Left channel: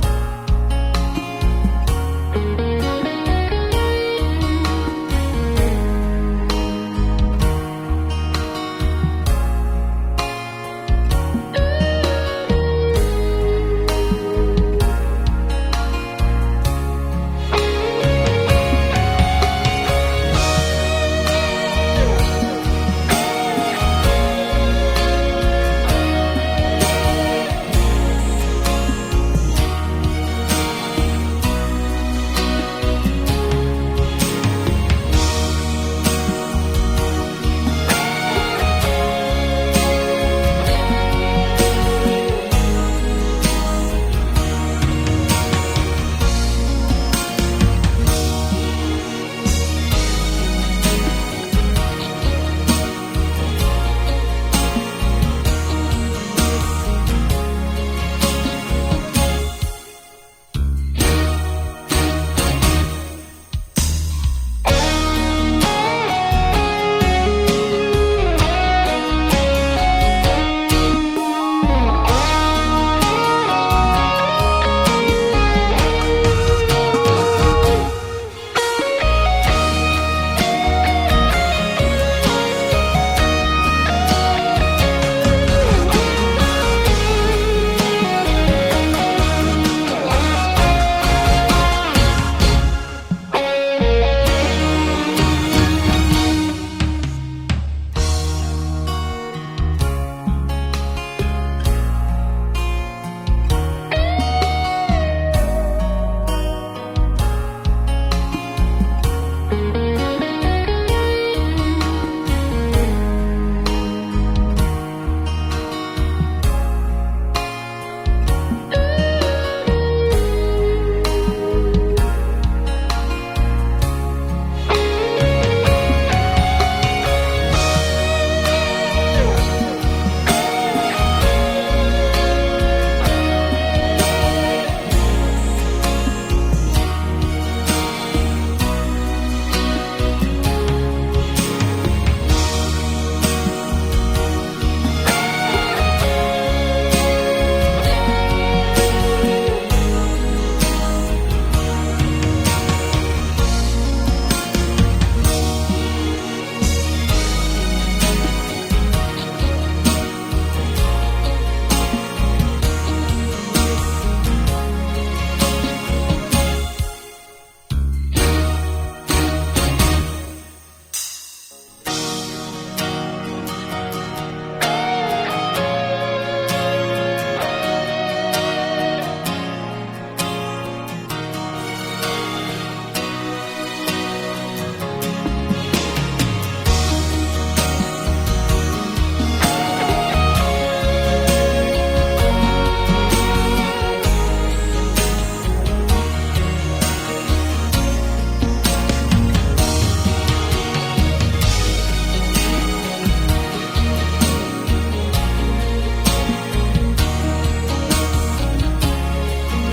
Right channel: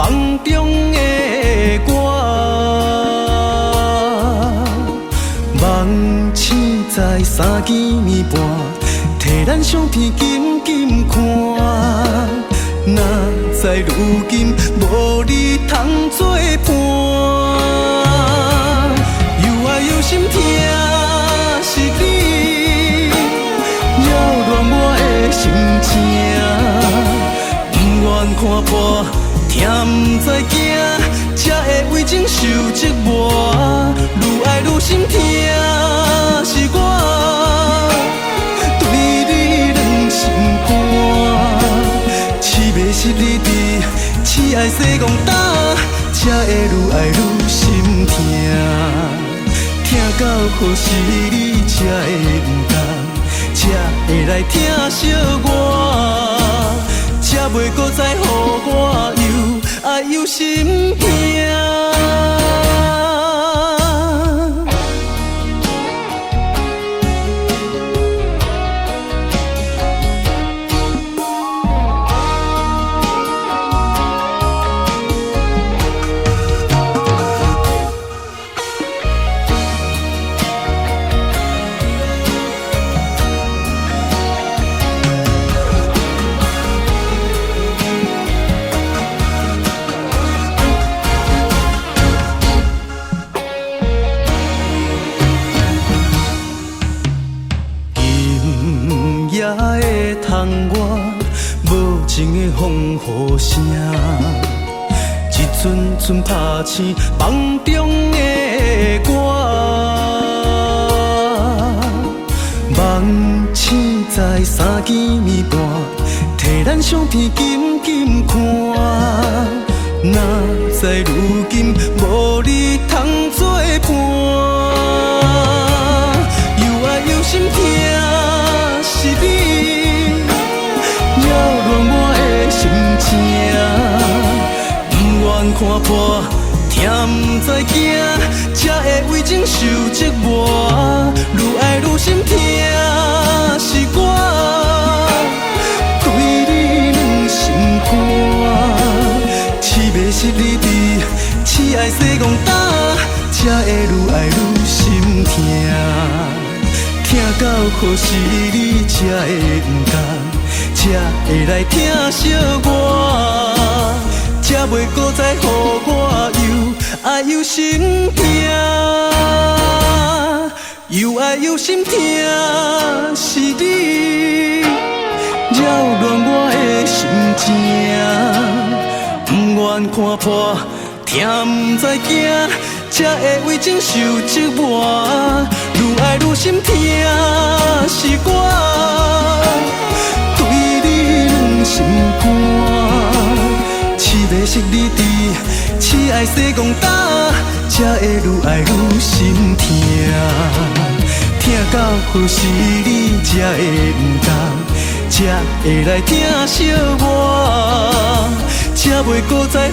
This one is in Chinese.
梦中的我，梦醒在3更暝半，摕咱相片紧紧看，哪知如今无你通作伴。看破，听不知惊，才会为情受折磨。愈爱愈心痛，是我对你软心肝。痴迷失你伫，痴爱西戆打，才会愈爱愈心痛。听到何时你才会不甘，才会来疼惜我。才袂搁再予我又爱又心痛。拍醒梦中的我，梦醒在3更暝半，摕咱相片紧紧看，哪知如今无你通作伴。又爱又心痛，是你扰乱我的心情，不愿看破。听不知惊，才会为情受折磨。愈爱愈心痛，是我对你软心肝。痴迷失你伫，痴爱西戆打，才会愈爱愈心痛。听到何时你才会不甘，才会来疼惜我，才袂搁再予我。爱又心痛，又爱又心痛，是你扰乱我的心情，不愿看破，听不知惊，才会为情受折磨。愈爱愈心痛，是我对你软心肝，痴迷失你伫，痴爱西戆打。才会愈爱愈心痛，听到何时你才会不甘，才会来疼惜我，才袂搁再予